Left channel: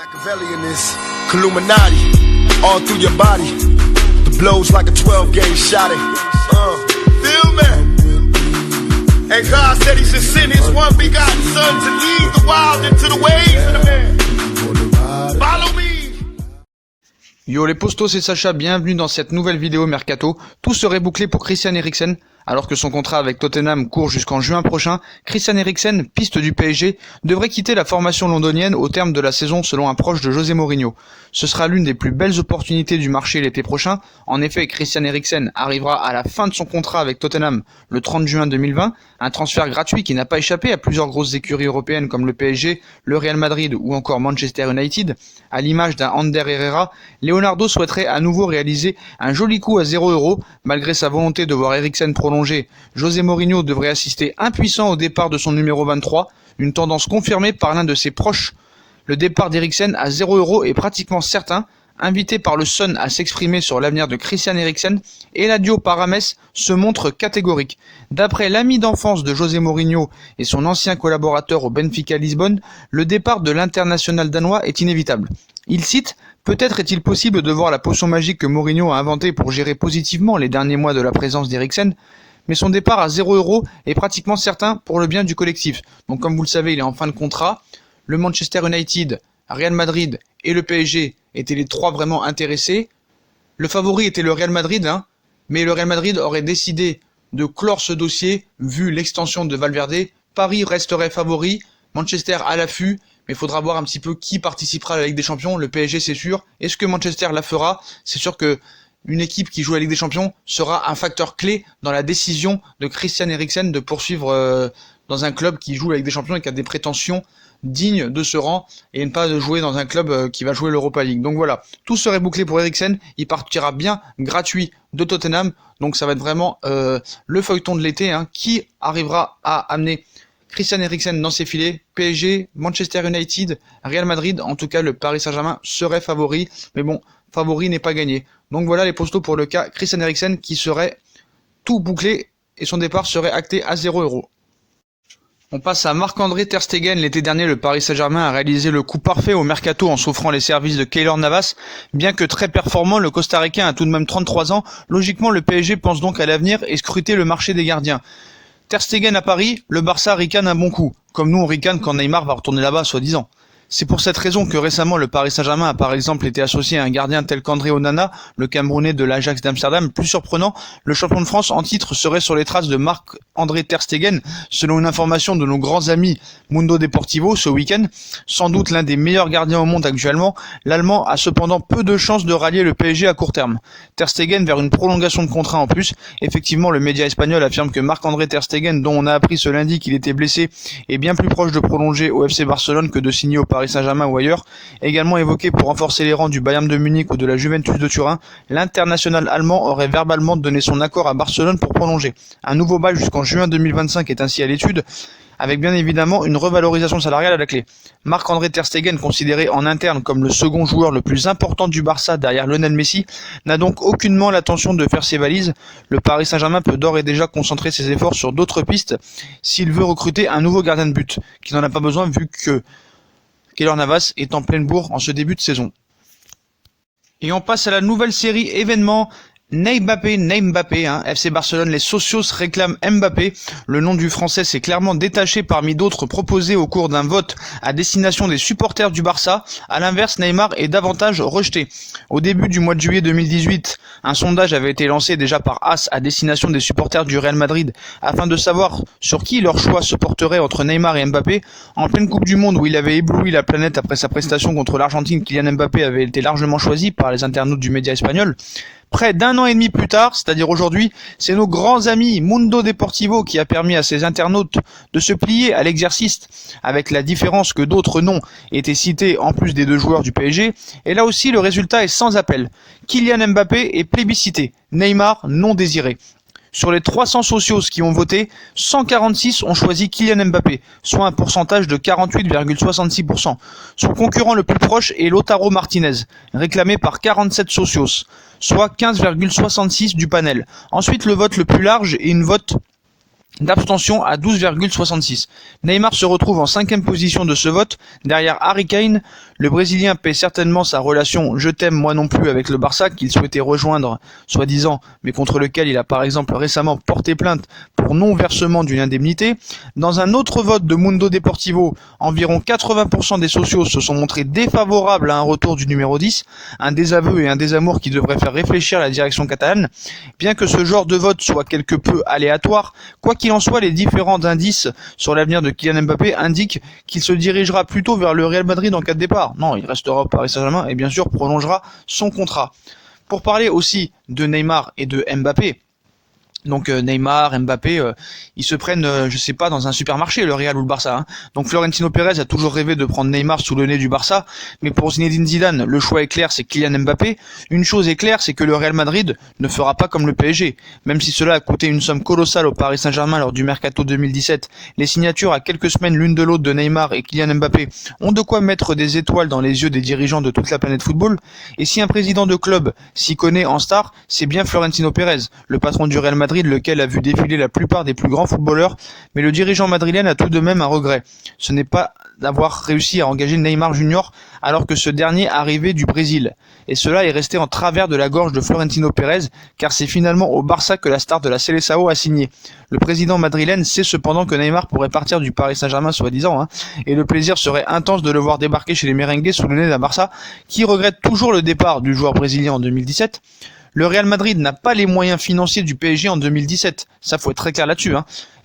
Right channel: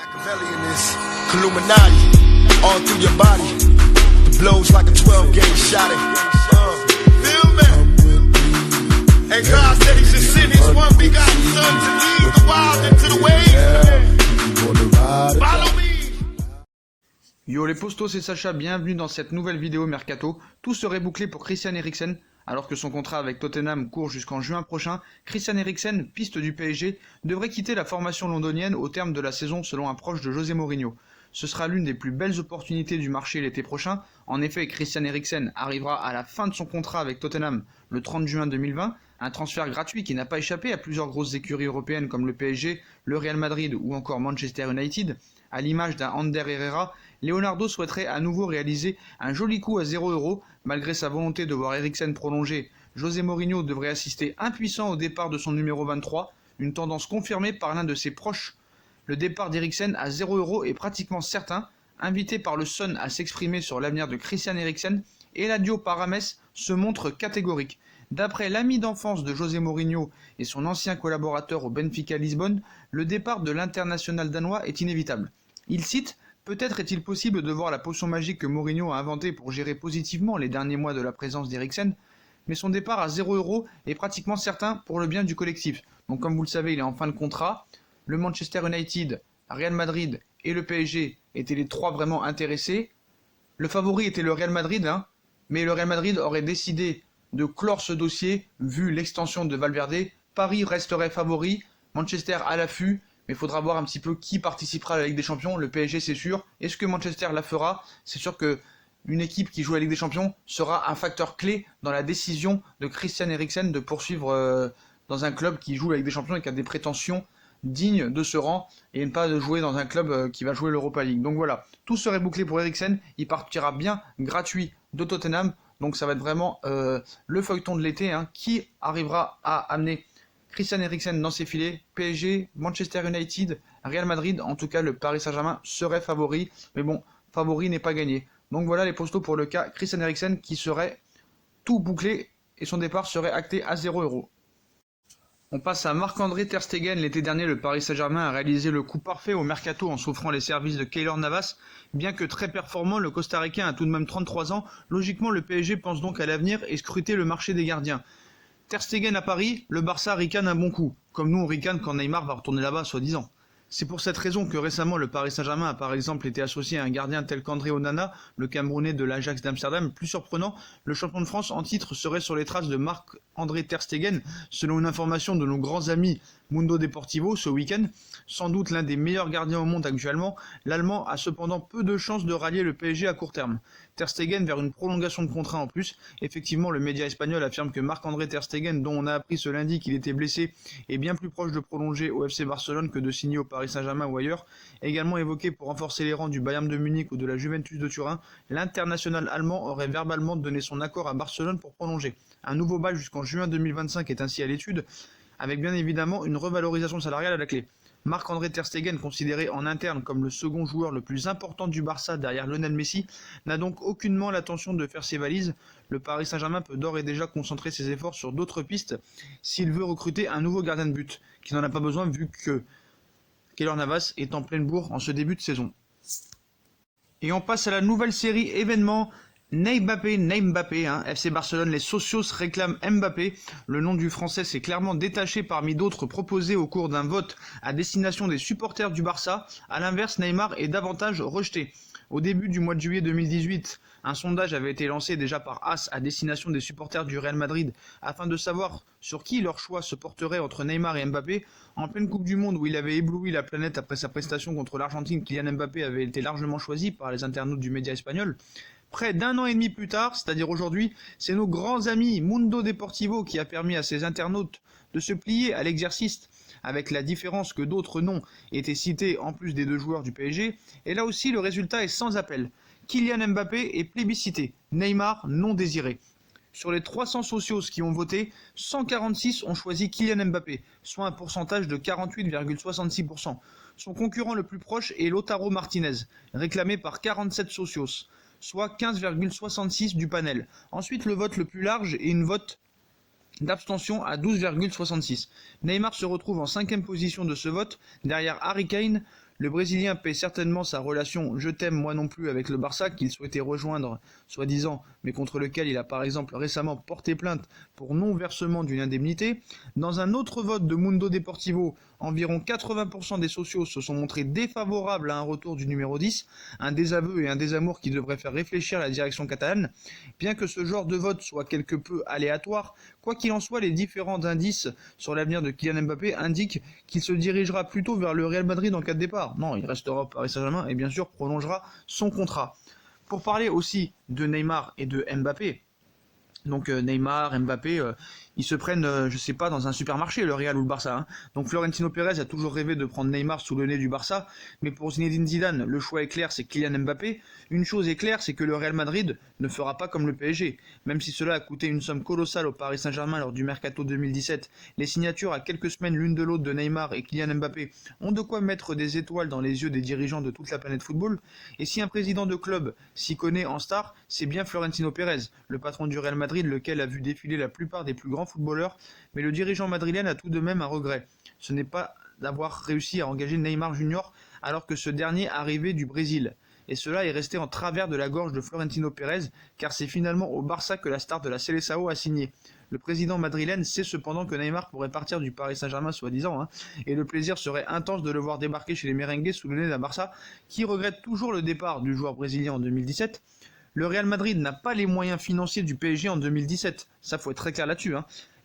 Machiavelli in this Illuminati, all through your body. The blows like a 12-gauge shot. Feel me? And God said He should send His one begotten Son to lead the wild into the ways. Follow me. Yo les postos, c'est Sacha, bienvenue dans cette nouvelle vidéo Mercato. Tout serait bouclé pour Christian Eriksen. Alors que son contrat avec Tottenham court jusqu'en juin prochain, Christian Eriksen, piste du PSG, devrait quitter la formation londonienne au terme de la saison selon un proche de José Mourinho. Ce sera l'une des plus belles opportunités du marché l'été prochain. En effet, Christian Eriksen arrivera à la fin de son contrat avec Tottenham le 30 juin 2020, un transfert gratuit qui n'a pas échappé à plusieurs grosses écuries européennes comme le PSG, le Real Madrid ou encore Manchester United. À l'image d'un Ander Herrera, Leonardo souhaiterait à nouveau réaliser un joli coup à 0€. Malgré sa volonté de voir Eriksen prolonger, José Mourinho devrait assister impuissant au départ de son numéro 23, une tendance confirmée par l'un de ses proches. Le départ d'Eriksen à 0€ est pratiquement certain. Invité par le Sun à s'exprimer sur l'avenir de Christian Eriksen, Eladio Parames se montre catégorique. D'après l'ami d'enfance de José Mourinho et son ancien collaborateur au Benfica Lisbonne, le départ de l'international danois est inévitable. Il cite « Peut-être est-il possible de voir la potion magique que Mourinho a inventée pour gérer positivement les derniers mois de la présence d'Eriksen, mais son départ à 0€ est pratiquement certain pour le bien du collectif. » Donc comme vous le savez, il est en fin de contrat. Le Manchester United, Real Madrid et le PSG étaient les trois vraiment intéressés. Le favori était le Real Madrid, mais le Real Madrid aurait décidé de clore ce dossier vu l'extension de Valverde. Paris resterait favori, Manchester à l'affût, mais il faudra voir un petit peu qui participera à la Ligue des Champions. Le PSG c'est sûr. Est-ce que Manchester la fera? C'est sûr que une équipe qui joue à la Ligue des Champions sera un facteur clé dans la décision de Christian Eriksen de poursuivre dans un club qui joue à la Ligue des Champions et qui a des prétentions digne de ce rang et ne pas de jouer dans un club qui va jouer l'Europa League. Donc voilà, tout serait bouclé pour Eriksen, il partira bien gratuit de Tottenham, donc ça va être vraiment le feuilleton de l'été, qui arrivera à amener Christian Eriksen dans ses filets. PSG, Manchester United, Real Madrid, en tout cas le Paris Saint-Germain serait favori, mais bon, favori n'est pas gagné. Donc voilà les postos pour le cas Christian Eriksen qui serait tout bouclé et son départ serait acté à 0€. On passe à Marc-André Ter Stegen. L'été dernier, le Paris Saint-Germain a réalisé le coup parfait au mercato en s'offrant les services de Keylor Navas. Bien que très performant, le Costa-Ricain a tout de même 33 ans. Logiquement, le PSG pense donc à l'avenir et scruter le marché des gardiens. Ter Stegen à Paris, le Barça ricane un bon coup. Comme nous on ricane quand Neymar va retourner là-bas, soi-disant. C'est pour cette raison que récemment le Paris Saint-Germain a par exemple été associé à un gardien tel qu'André Onana, le Camerounais de l'Ajax d'Amsterdam. Plus surprenant, le champion de France en titre serait sur les traces de Marc-André Ter Stegen, selon une information de nos grands amis Mundo Deportivo ce week-end. Sans doute l'un des meilleurs gardiens au monde actuellement, l'Allemand a cependant peu de chances de rallier le PSG à court terme. Ter Stegen vers une prolongation de contrat en plus. Effectivement, le média espagnol affirme que Marc-André Ter Stegen, dont on a appris ce lundi qu'il était blessé, est bien plus proche de prolonger au FC Barcelone que de signer au Paris Saint-Germain ou ailleurs. Également évoqué pour renforcer les rangs du Bayern de Munich ou de la Juventus de Turin, l'international allemand aurait verbalement donné son accord à Barcelone pour prolonger. Un nouveau bail jusqu'en juin 2025 est ainsi à l'étude, avec bien évidemment une revalorisation salariale à la clé. Marc-André Ter Stegen, considéré en interne comme le second joueur le plus important du Barça derrière Lionel Messi, n'a donc aucunement l'intention de faire ses valises. Le Paris Saint-Germain peut d'ores et déjà concentrer ses efforts sur d'autres pistes s'il veut recruter un nouveau gardien de but, qui n'en a pas besoin vu que Keylor Navas est en pleine bourre en ce début de saison. Et on passe à la nouvelle série événement Mbappé, FC Barcelone, les socios réclament Mbappé. Le nom du Français s'est clairement détaché parmi d'autres proposés au cours d'un vote à destination des supporters du Barça. À l'inverse, Neymar est davantage rejeté. Au début du mois de juillet 2018, un sondage avait été lancé déjà par AS à destination des supporters du Real Madrid afin de savoir sur qui leur choix se porterait entre Neymar et Mbappé. En pleine Coupe du Monde où il avait ébloui la planète après sa prestation contre l'Argentine, Kylian Mbappé avait été largement choisi par les internautes du média espagnol. Près d'un an et demi plus tard, c'est-à-dire aujourd'hui, c'est nos grands amis Mundo Deportivo qui a permis à ces internautes de se plier à l'exercice, avec la différence que d'autres noms étaient cités en plus des deux joueurs du PSG, et là aussi le résultat est sans appel. Kylian Mbappé est plébiscité, Neymar non désiré. Sur les 300 socios qui ont voté, 146 ont choisi Kylian Mbappé, soit un pourcentage de 48,66%. Son concurrent le plus proche est Lautaro Martinez, réclamé par 47 socios, soit 15,66% du panel. Ensuite, le vote le plus large est une vote d'abstention à 12,66. Neymar se retrouve en 5e position de ce vote, derrière Harry Kane. Le Brésilien paie certainement sa relation « je t'aime moi non plus » avec le Barça qu'il souhaitait rejoindre, soi-disant, mais contre lequel il a par exemple récemment porté plainte pour non-versement d'une indemnité. Dans un autre vote de Mundo Deportivo, environ 80% des socios se sont montrés défavorables à un retour du numéro 10, un désaveu et un désamour qui devraient faire réfléchir la direction catalane. Bien que ce genre de vote soit quelque peu aléatoire, quoi qu'il en soit, les différents indices sur l'avenir de Kylian Mbappé indiquent qu'il se dirigera plutôt vers le Real Madrid en cas de départ. Non, il restera au Paris Saint-Germain et bien sûr prolongera son contrat. Pour parler aussi de Neymar et de Mbappé, donc Neymar, Mbappé, ils se prennent, je sais pas, dans un supermarché, le Real ou le Barça. Hein. Donc Florentino Pérez a toujours rêvé de prendre Neymar sous le nez du Barça, mais pour Zinedine Zidane, le choix est clair, c'est Kylian Mbappé. Une chose est claire, c'est que le Real Madrid ne fera pas comme le PSG. Même si cela a coûté une somme colossale au Paris Saint-Germain lors du Mercato 2017, les signatures à quelques semaines l'une de l'autre de Neymar et Kylian Mbappé ont de quoi mettre des étoiles dans les yeux des dirigeants de toute la planète football. Et si un président de club s'y connaît en star, c'est bien Florentino Pérez, le patron du Real Madrid, lequel a vu défiler la plupart des plus grands footballeurs, mais le dirigeant madrilène a tout de même un regret. Ce n'est pas d'avoir réussi à engager Neymar Junior alors que ce dernier arrivait du Brésil. Et cela est resté en travers de la gorge de Florentino Pérez, car c'est finalement au Barça que la star de la Seleção a signé. Le président madrilène sait cependant que Neymar pourrait partir du Paris Saint-Germain soi-disant, et le plaisir serait intense de le voir débarquer chez les merengues sous le nez d'un Barça, qui regrette toujours le départ du joueur brésilien en 2017. Le Real Madrid n'a pas les moyens financiers du PSG en 2017, ça faut être très clair là-dessus.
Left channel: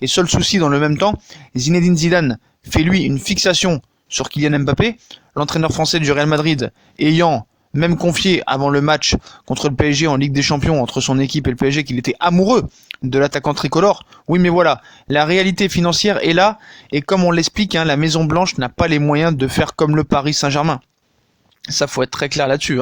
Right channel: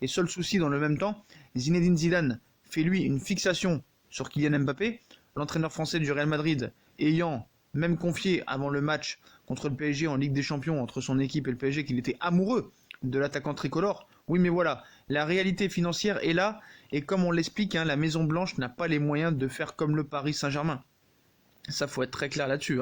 Et seul souci dans le même temps, Zinedine Zidane fait lui une fixation sur Kylian Mbappé, l'entraîneur français du Real Madrid ayant même confié avant le match contre le PSG en Ligue des Champions entre son équipe et le PSG qu'il était amoureux de l'attaquant tricolore. Oui mais voilà, la réalité financière est là, et comme on l'explique, la Maison Blanche n'a pas les moyens de faire comme le Paris Saint-Germain. Ça faut être très clair là-dessus.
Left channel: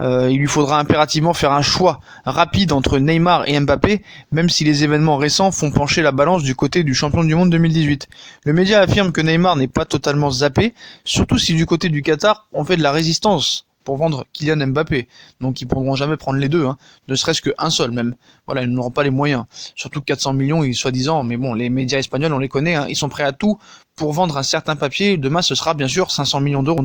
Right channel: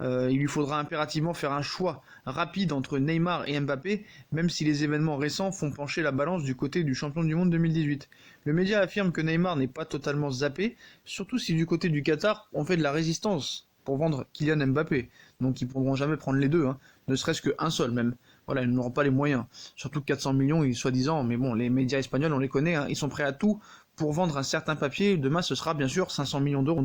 Il lui faudra impérativement faire un choix rapide entre Neymar et Mbappé, même si les événements récents font pencher la balance du côté du champion du monde 2018. Le média affirme que Neymar n'est pas totalement zappé, surtout si du côté du Qatar on fait de la résistance pour vendre Kylian Mbappé. Donc ils pourront jamais prendre les deux, ne serait-ce qu'un seul même. Voilà, ils n'auront pas les moyens. Surtout 400 millions, soi-disant, mais bon, les médias espagnols, on les connaît, ils sont prêts à tout pour vendre un certain papier. Demain, ce sera bien sûr 500 millions d'euros.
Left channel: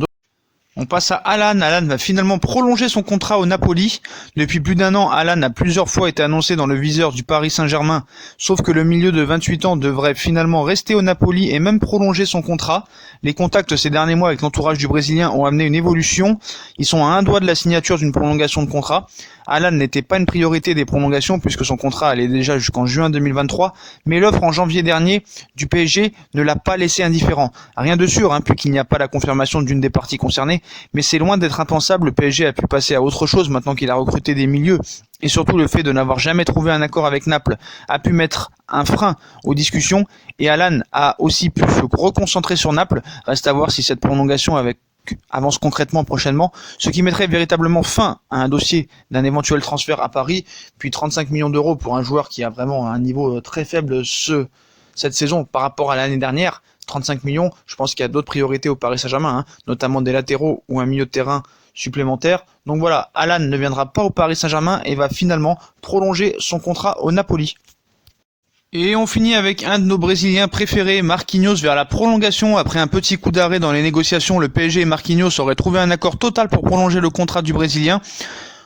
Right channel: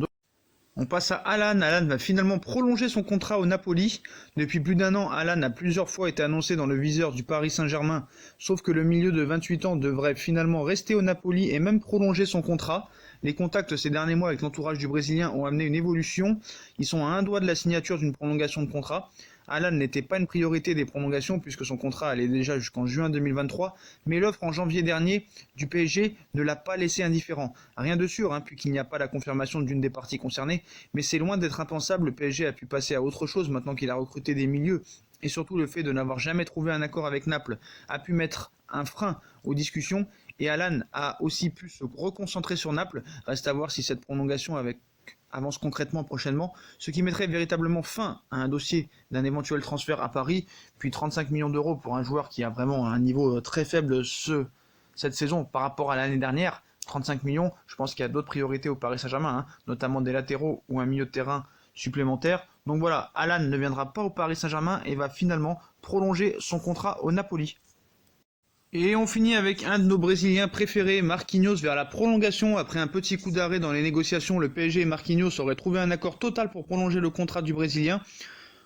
On passe à Alan. Alan va finalement prolonger son contrat au Napoli. Depuis plus d'un an, Alan a plusieurs fois été annoncé dans le viseur du Paris Saint-Germain, sauf que le milieu de 28 ans devrait finalement rester au Napoli et même prolonger son contrat. Les contacts ces derniers mois avec l'entourage du Brésilien ont amené une évolution. Ils sont à un doigt de la signature d'une prolongation de contrat. Alan n'était pas une priorité des prolongations puisque son contrat allait déjà jusqu'en juin 2023, mais l'offre en janvier dernier du PSG ne l'a pas laissé indifférent. Rien de sûr, puisqu'il n'y a pas la confirmation d'une des parties concernées, mais c'est loin d'être impensable, le PSG a pu passer à autre chose maintenant qu'il a recruté des milieux. Et surtout le fait de n'avoir jamais trouvé un accord avec Naples a pu mettre un frein aux discussions, et Alan a aussi pu se reconcentrer sur Naples. Reste à voir si cette prolongation avance concrètement prochainement, ce qui mettrait véritablement fin à un dossier d'un éventuel transfert à Paris, puis 35 millions d'euros pour un joueur qui a vraiment un niveau très faible cette saison par rapport à l'année dernière. 35 millions, je pense qu'il y a d'autres priorités au Paris Saint-Germain, notamment des latéraux ou un milieu de terrain supplémentaire. Donc voilà, Alan ne viendra pas au Paris Saint-Germain et va finalement prolonger son contrat au Napoli. Et on finit avec un de nos Brésiliens préférés, Marquinhos, vers la prolongation. Après un petit coup d'arrêt dans les négociations, le PSG et Marquinhos auraient trouvé un accord total pour prolonger le contrat du Brésilien.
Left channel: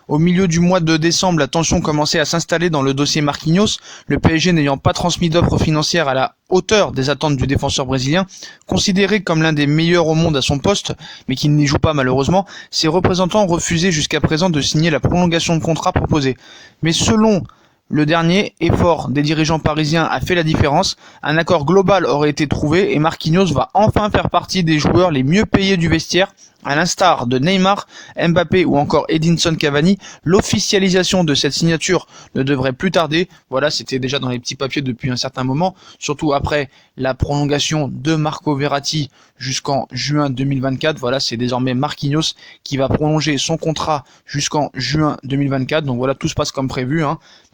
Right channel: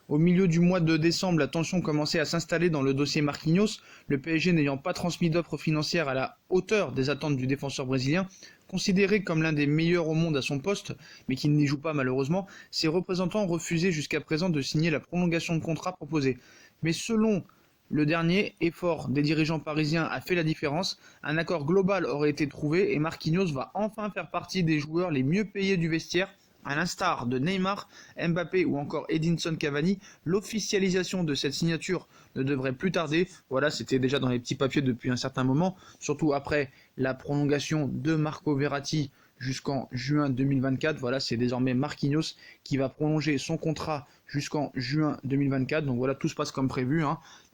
Au milieu du mois de décembre, la tension commençait à s'installer dans le dossier Marquinhos, le PSG n'ayant pas transmis d'offres financières à la hauteur des attentes du défenseur brésilien. Considéré comme l'un des meilleurs au monde à son poste, mais qui n'y joue pas malheureusement, ses représentants refusaient jusqu'à présent de signer la prolongation de contrat proposée. Mais selon le dernier effort des dirigeants parisiens a fait la différence, un accord global aurait été trouvé et Marquinhos va enfin faire partie des joueurs les mieux payés du vestiaire. À l'instar de Neymar, Mbappé ou encore Edinson Cavani, l'officialisation de cette signature ne devrait plus tarder. Voilà, c'était déjà dans les petits papiers depuis un certain moment, surtout après la prolongation de Marco Verratti jusqu'en juin 2024. Voilà, c'est désormais Marquinhos qui va prolonger son contrat jusqu'en juin 2024. Donc voilà, tout se passe comme prévu.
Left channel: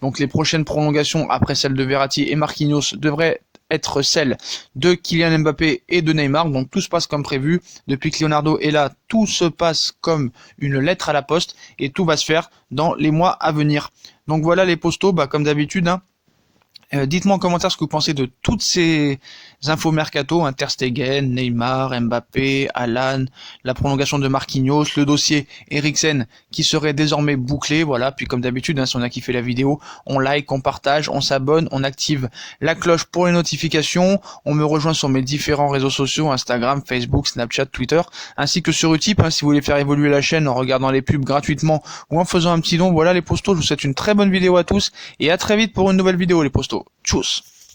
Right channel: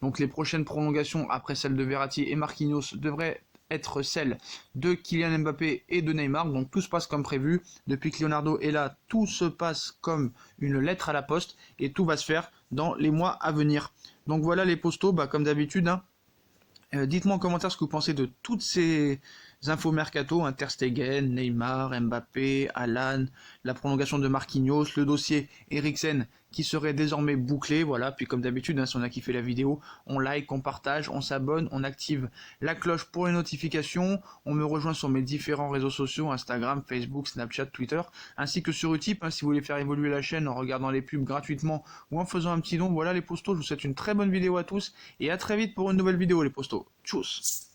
Donc les prochaines prolongations après celle de Verratti et Marquinhos devraient être celle de Kylian Mbappé et de Neymar. Donc tout se passe comme prévu. Depuis que Leonardo est là, tout se passe comme une lettre à la poste et tout va se faire dans les mois à venir. Donc voilà les postos, comme d'habitude, Dites-moi en commentaire ce que vous pensez de toutes ces infos mercato, hein, Ter Stegen, Neymar, Mbappé, Alan, la prolongation de Marquinhos, le dossier Eriksen qui serait désormais bouclé. Voilà, puis comme d'habitude, hein, si on a kiffé la vidéo, on like, on partage, on s'abonne, on active la cloche pour les notifications. On me rejoint sur mes différents réseaux sociaux, Instagram, Facebook, Snapchat, Twitter, ainsi que sur Utip, hein, si vous voulez faire évoluer la chaîne en regardant les pubs gratuitement ou en faisant un petit don. Voilà les postos, je vous souhaite une très bonne vidéo à tous et à très vite pour une nouvelle vidéo les postos. Tchuss.